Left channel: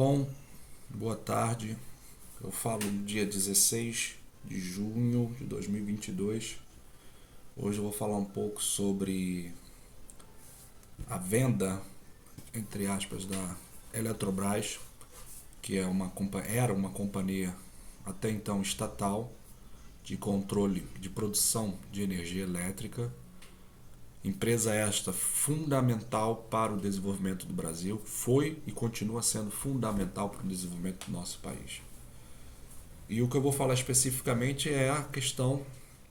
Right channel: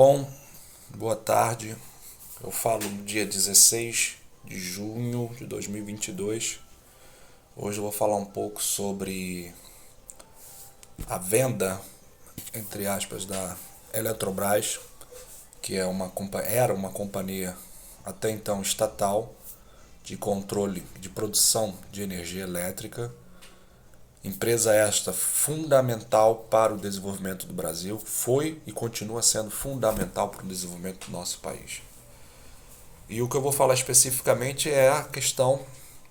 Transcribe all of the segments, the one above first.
Bom, boa tarde. Eu falo no dia 16 de junho de 2022. Hoje eu vou falar um pouco sobre a venda, entre aspas, da Eletrobras, que era uma companhia até então estatal de controle de produção de energia elétrica. Empresa esta fundamental para o desenvolvimento do Brasil, foi e continua sendo fundamental para o desenvolvimento do nosso país. E o que eu vou falar especificamente é a questão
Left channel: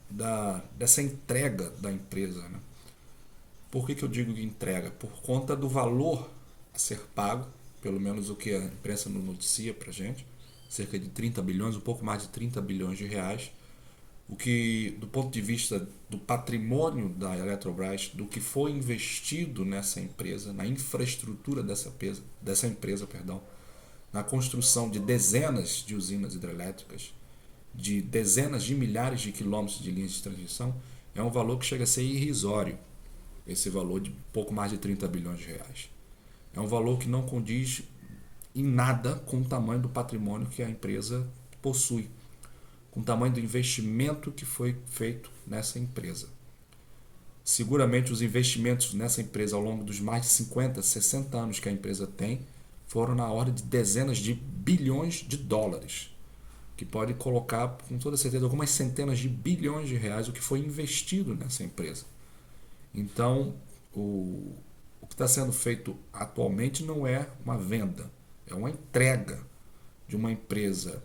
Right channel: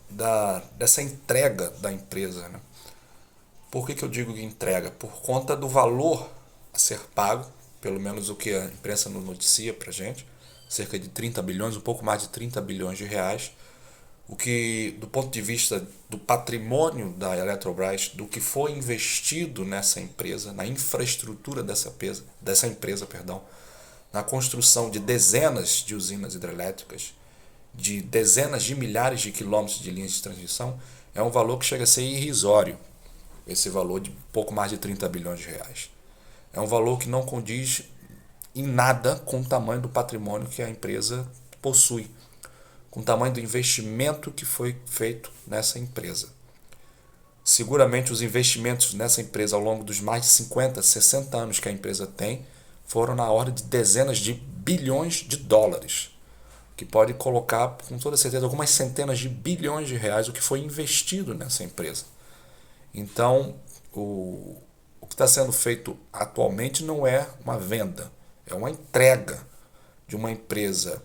dessa entrega da empresa, né? Por que eu digo entrega? Por conta do valor a ser pago, pelo menos o que a imprensa nos noticia para a gente, cerca de 30 bilhões, um pouco mais de 30 bilhões de reais, o que, do ponto de vista do patrimônio da Eletrobras, do que foi investido nessa empresa, na infraestrutura dessa empresa, perdão, na construção de dezenas de usinas hidrelétricas, de dezenas de milhares de quilômetros de linhas de transmissão, é um valor que chega a ser irrisório, esse valor de pouco mais de 30 bilhões de reais. É um valor que não condiz em nada com o tamanho do patrimônio que a empresa possui, com o tamanho do investimento que foi feito nessa empresa. Seguramente os investimentos nessa empresa ao longo dos mais de 50, 60 anos que a empresa tem foram na ordem de dezenas de bilhões de dólares, que pode colocar com toda certeza algumas centenas de bilhões de reais o que foi investido nessa empresa. Então, o que está sendo feito atualmente não é uma venda, é uma entrega de uma empresa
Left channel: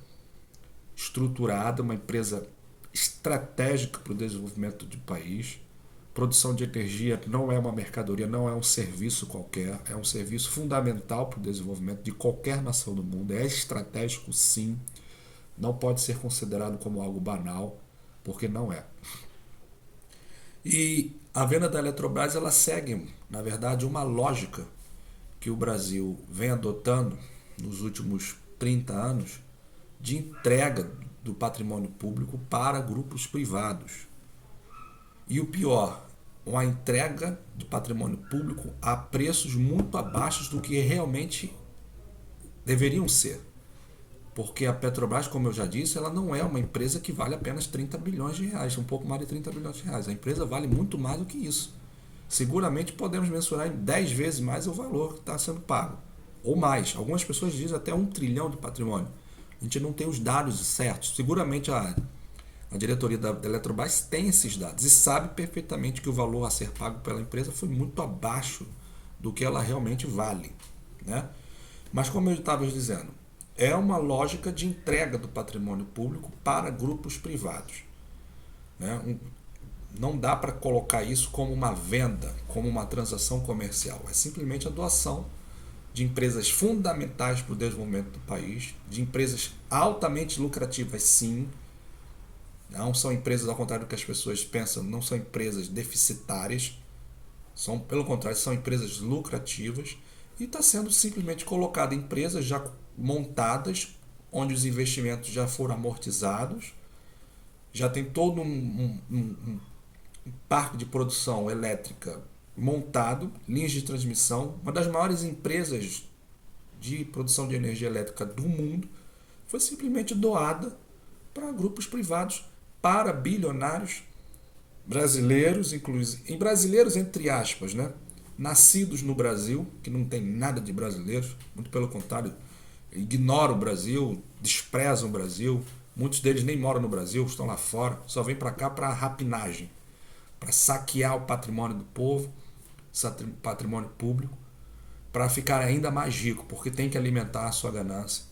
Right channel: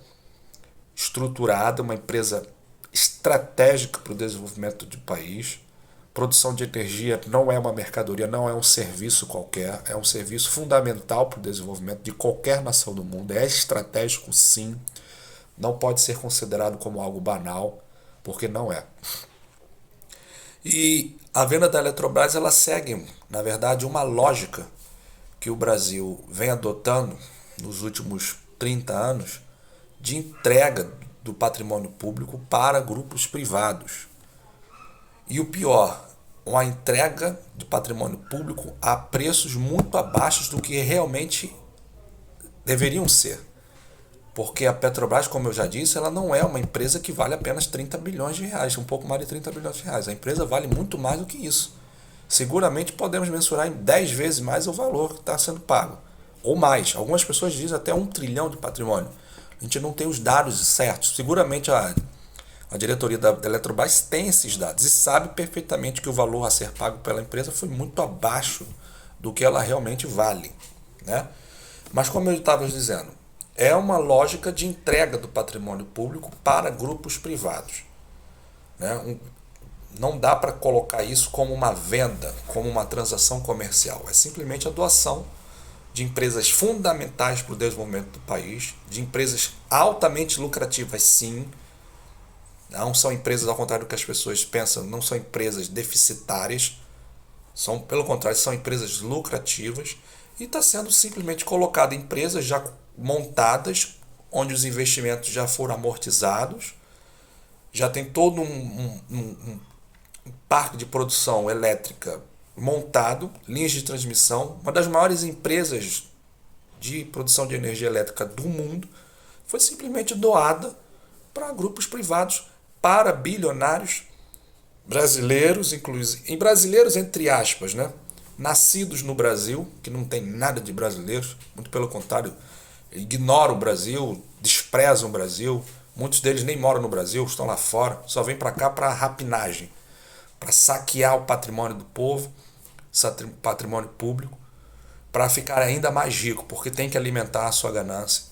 estruturada, uma empresa estratégica para o desenvolvimento do país. Produção de energia não é uma mercadoria, não é um serviço qualquer, é um serviço fundamental para o desenvolvimento de qualquer nação do mundo. É estratégico, sim, não pode ser considerado como algo banal, porque não é. E a venda da Eletrobras ela segue, na verdade, uma lógica que o Brasil vem adotando nos últimos 30 anos de entrega do patrimônio público para grupos privados. E o pior, uma entrega de patrimônio público a preços muito abaixo do que realmente deveriam ser. Porque a Petrobras, como eu já disse, ela não é uma empresa que vale apenas 30 bilhões de reais, um pouco mais de 30 bilhões de reais. A empresa vale muito mais do que isso. Seguramente podemos mensurar em 10 vezes mais o valor que está sendo pago. Ou mais. Algumas pessoas dizem até 1 trilhão de patrimônio. A gente não tem os dados certos. Seguramente a diretoria da Eletrobras tem esses dados e sabe perfeitamente que o valor a ser pago pela empresa foi muito abaixo do que ela realmente vale, né? Mas como eu estava dizendo, é uma lógica de entrega do patrimônio público para grupos privados, né? Não dá para colocar isso como uma venda, como uma transação comercial. É simplesmente a doação de empresas fundamentais para o desenvolvimento do país, de empresas altamente lucrativas, sim. Não são empresas, ao contrário do que as pessoas pensam, não são empresas deficitárias, são, pelo contrário, são empresas lucrativas e está sendo simplesmente colocado em empresas já montadas, onde os investimentos já foram amortizados, já tem todo um parque de produção elétrica montado, linhas de transmissão, uma das maiores empresas de produção de energia elétrica do mundo, foi simplesmente doada para grupos privados, para bilionários brasileiros, inclusive, em brasileiros entre aspas, né? Nascidos no Brasil, que não tem nada de brasileiros, muito pelo contrário, ignoram o Brasil, desprezam o Brasil, muitos deles nem moram no Brasil, estão lá fora, só vêm para cá para rapinagem, para saquear o patrimônio do povo, patrimônio público, para ficar ainda mais rico, porque tem que alimentar a sua ganância.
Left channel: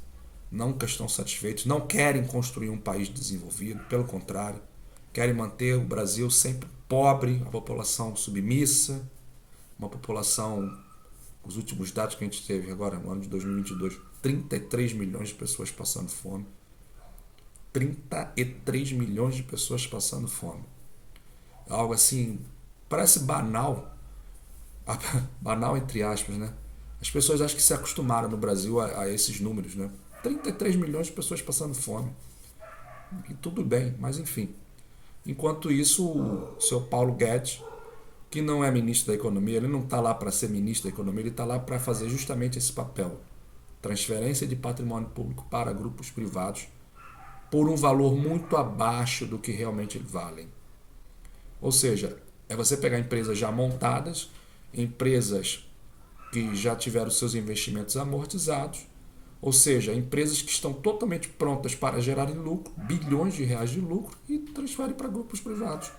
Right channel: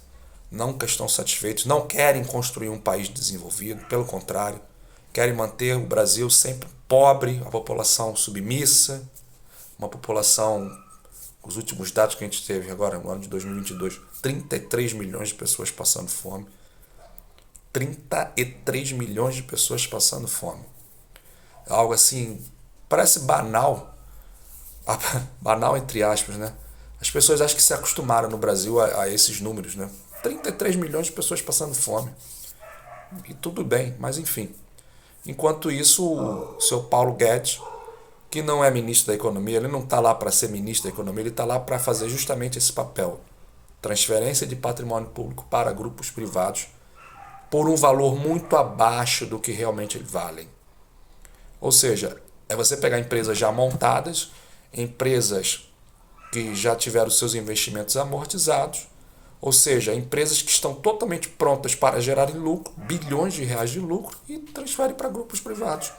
Nunca estão satisfeitos, não querem construir um país desenvolvido, pelo contrário, querem manter o Brasil sempre pobre, a população submissa, uma população, os últimos dados que a gente teve agora no ano de 2022, 33 milhões de pessoas passando fome. 33 milhões de pessoas passando fome. Algo assim, parece banal, banal entre aspas, né? As pessoas acham que se acostumaram no Brasil a esses números, né? 33 milhões de pessoas passando fome. E tudo bem, mas enfim. Enquanto isso, o seu Paulo Guedes, que não é ministro da Economia, ele não está lá para ser ministro da Economia, ele está lá para fazer justamente esse papel transferência de patrimônio público para grupos privados por um valor muito abaixo do que realmente eles valem. Ou seja, é você pegar empresas já montadas, empresas que já tiveram seus investimentos amortizados, ou seja, empresas que estão totalmente prontas para gerarem lucro, bilhões de reais de lucro, e transfere para grupos privados,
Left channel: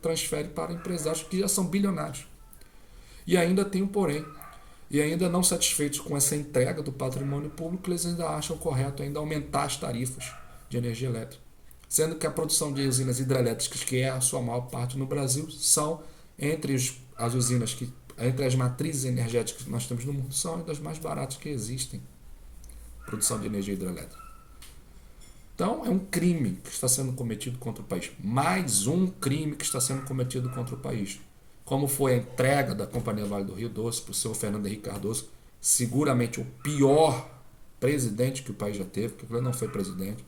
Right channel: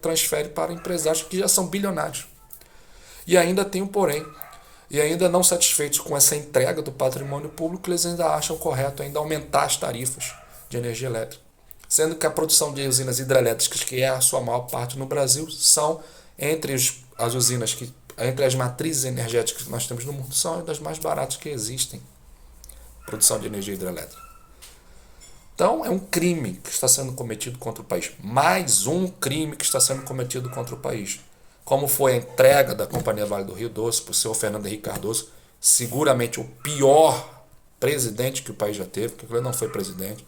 transfere para empresários que já são bilionários. E ainda tem um porém, e ainda não satisfeitos com essa entrega do patrimônio público, eles ainda acham correto ainda aumentar as tarifas de energia elétrica. Sendo que a produção de usinas hidrelétricas, que é a sua maior parte no Brasil, são entre as usinas que, entre as matrizes energéticas que nós temos no mundo, são das mais baratas que existem. Produção de energia hidrelétrica. Então, é um crime que está sendo cometido contra o país. Mais um crime que está sendo cometido contra o país. Como foi a entrega da Companhia Vale do Rio Doce para o senhor Fernando Henrique Cardoso, seguramente o pior presidente que o país já teve, porque ele não foi presidente.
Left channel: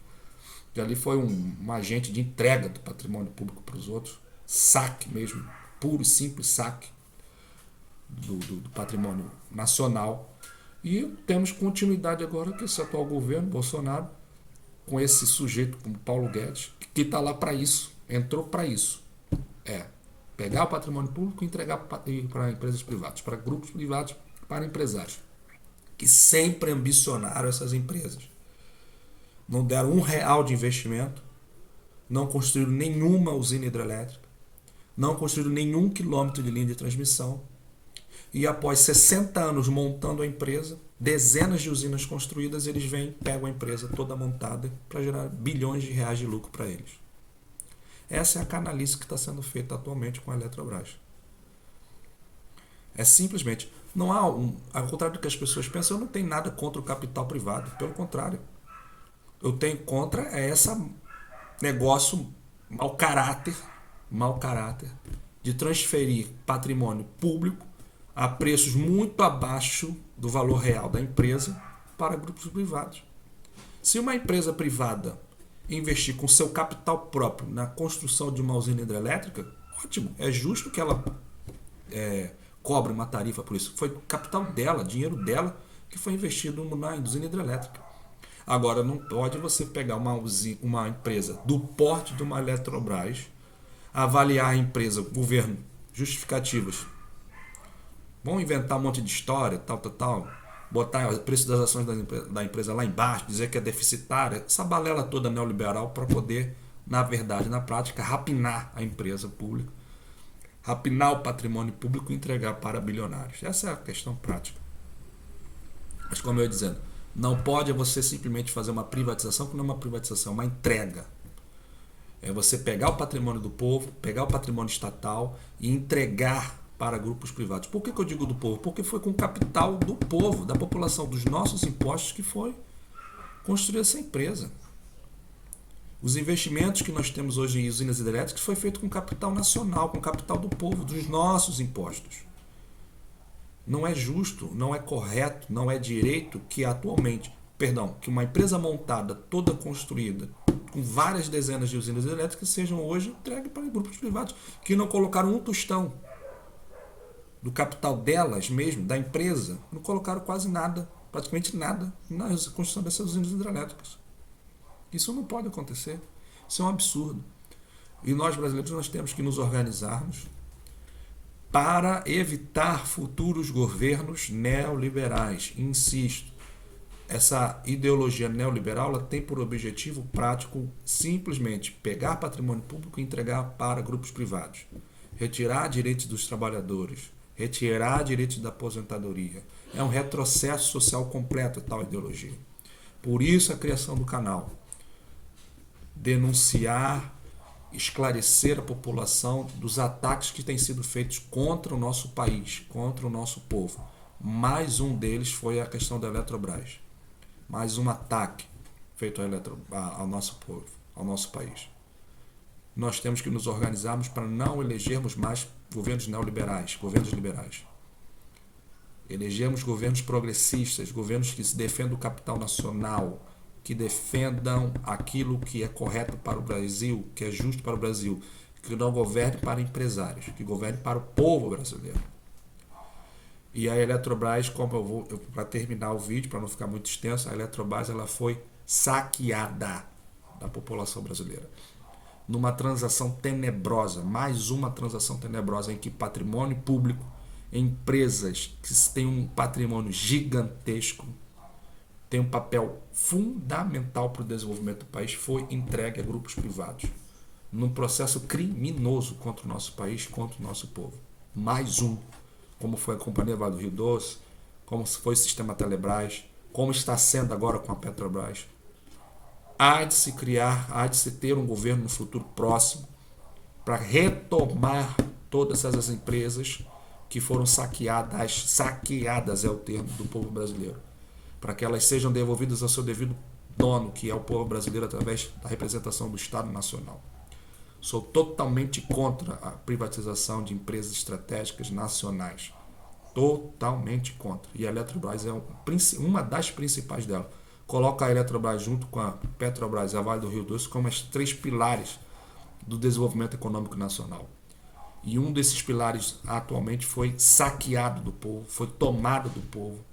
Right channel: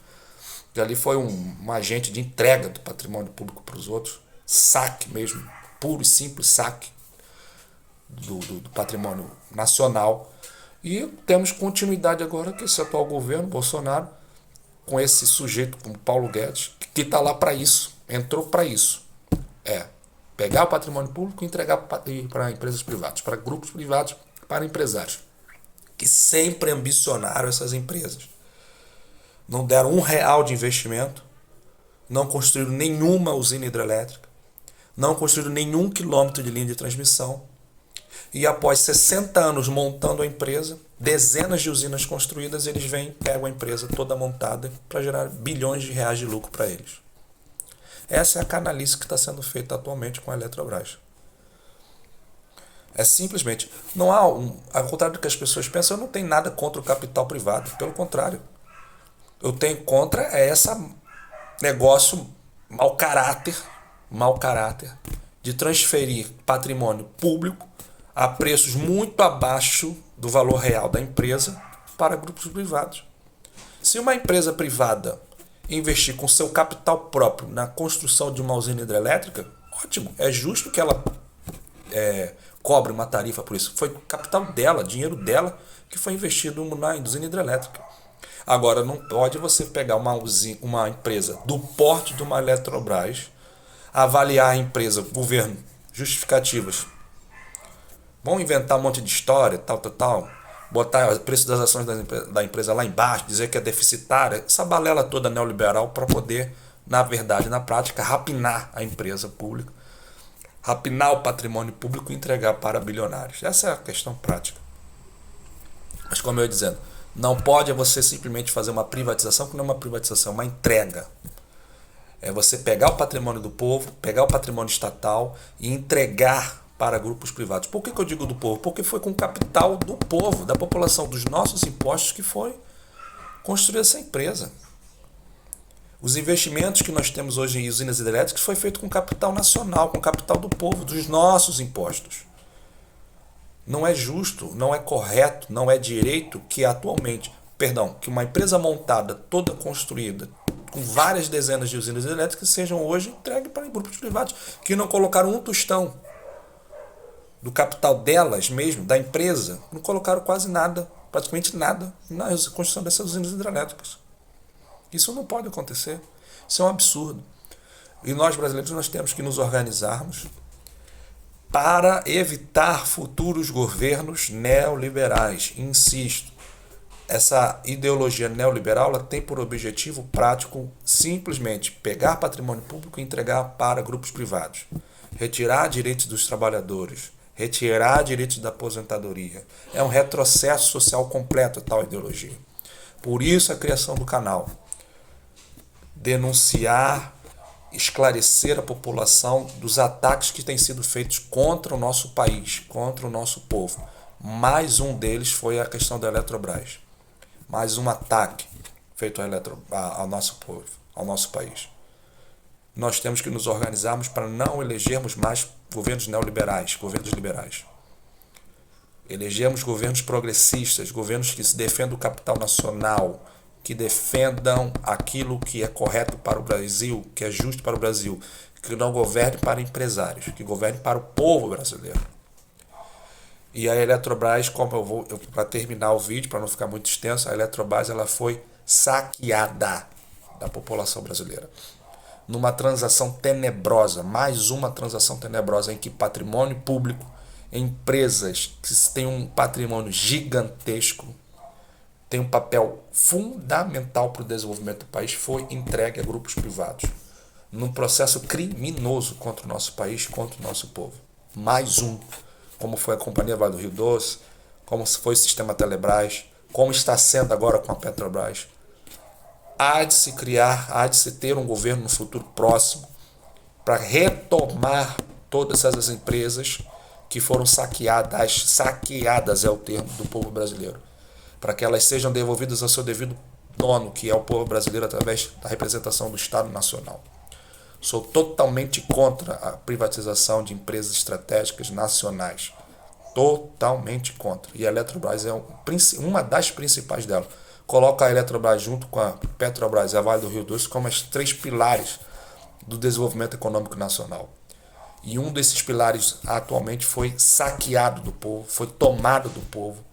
E ali foi um agente de entrega do patrimônio público para os outros. Saque mesmo, puro e simples saque do patrimônio nacional. E temos continuidade agora que esse atual governo, Bolsonaro, com esse sujeito como Paulo Guedes, que está lá para isso, entrou para isso. Pegar o patrimônio público e entregar para empresas privadas, para grupos privados, para empresários, que sempre ambicionaram essas empresas. Não deram R$1 de investimento, não construíram nenhuma usina hidrelétrica, não construíram nenhum quilômetro de linha de transmissão, e após 60 anos montando a empresa, dezenas de usinas construídas, eles vêm, pegam a empresa toda montada para gerar bilhões de reais de lucro para eles. Essa é a canalice que está sendo feita atualmente com a Eletrobras. É simplesmente, não há, ao contrário do que as pessoas pensam, eu não tenho nada contra o capital privado, pelo contrário. Eu tenho contra esse negócio mau caráter, de transferir patrimônio público a preços muito abaixo do valor real da empresa para grupos privados. Se uma empresa privada investir com seu capital próprio na construção de uma usina hidrelétrica, ótimo, é justo que ela cobre uma tarifa por isso. Foi capital dela, dinheiro dela, que foi investido na usina hidrelétrica. Agora, não pode você pegar uma empresa do porte de uma Eletrobras, avaliar a empresa, governo, justificativas. Vão inventar um monte de história, tal, botar o preço das ações da empresa lá embaixo, dizer que é deficitária, essa balela toda neoliberal para poder, na verdade, na prática, rapinar a empresa pública, rapinar o patrimônio público e entregar para bilionários. Essa é a questão prática. Mas como eu ia dizendo, não pode você simplesmente fazer uma privatização, que não é uma privatização, é uma entrega. É você pegar o patrimônio do povo, pegar o patrimônio estatal e entregar para grupos privados. Por que eu digo do povo? Porque foi com o capital do povo, da população, dos nossos impostos que foi construir essa empresa. Os investimentos que nós temos hoje em usinas hidrelétricas foi feito com capital nacional, com capital do povo, dos nossos impostos. Não é justo, não é correto, não é direito que que uma empresa montada, toda construída, com várias dezenas de usinas elétricas, sejam hoje entregues para grupos privados, que não colocaram um tostão do capital delas mesmo, da empresa, não colocaram quase nada, praticamente nada, na construção dessas usinas hidrelétricas. Isso não pode acontecer. Isso é um absurdo. E nós, brasileiros, nós temos que nos organizarmos para evitar futuros governos neoliberais. Insisto, essa ideologia neoliberal ela tem por objetivo prático simplesmente pegar patrimônio público e entregar para grupos privados, retirar direitos dos trabalhadores, retirar direitos da aposentadoria. É um retrocesso social completo tal ideologia. Por isso a criação do canal. Denunciar, esclarecer a população dos ataques que têm sido feitos contra o nosso país, contra o nosso povo. Mais um deles foi a questão da Eletrobras. Mais um ataque feito ao nosso povo, ao nosso país. Nós temos que nos organizarmos para não elegermos mais governos neoliberais, governos liberais. Elegemos governos progressistas, governos que se defendam o capital nacional, que defendam aquilo que é correto para o Brasil, que é justo para o Brasil, que não governe para empresários, que governe para o povo brasileiro. E a Eletrobras, para terminar o vídeo, para não ficar muito extenso, a Eletrobras ela foi saqueada da população brasileira. Numa transação tenebrosa, mais uma transação tenebrosa em que patrimônio público, empresas que têm um patrimônio gigantesco, tem um papel fundamental para o desenvolvimento do país, foi entregue a grupos privados, num processo criminoso contra o nosso país, contra o nosso povo. Mais um, como foi a Companhia Vale do Rio Doce, como foi o sistema Telebrás, como está sendo agora com a Petrobras. Há de se criar, há de se ter um governo no futuro próximo para retomar todas essas empresas que foram saqueadas é o termo do povo brasileiro, para que elas sejam devolvidas ao seu devido dono, que é o povo brasileiro, através da representação do Estado Nacional. Sou totalmente contra a privatização de empresas estratégicas nacionais. Totalmente contra. E a Eletrobras é uma das principais delas. Coloca a Eletrobras junto com a Petrobras e a Vale do Rio Doce como as 3 pilares do desenvolvimento econômico nacional. E um desses pilares atualmente foi saqueado do povo, foi tomado do povo,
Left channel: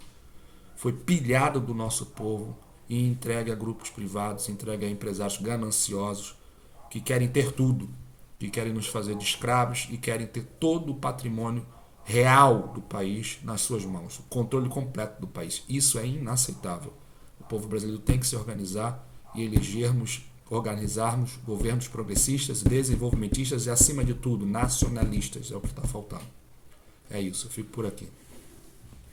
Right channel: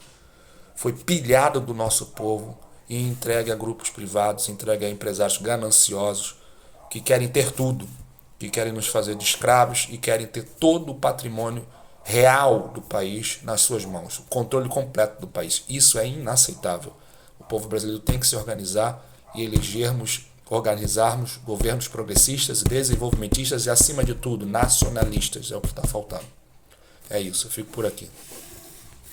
foi pilhado do nosso povo e entregue a grupos privados, entregue a empresários gananciosos que querem ter tudo, que querem nos fazer de escravos e querem ter todo o patrimônio real do país nas suas mãos, o controle completo do país. Isso é inaceitável. O povo brasileiro tem que se organizar e organizarmos governos progressistas e desenvolvimentistas e, acima de tudo, nacionalistas. É o que está faltando. É isso, eu fico por aqui.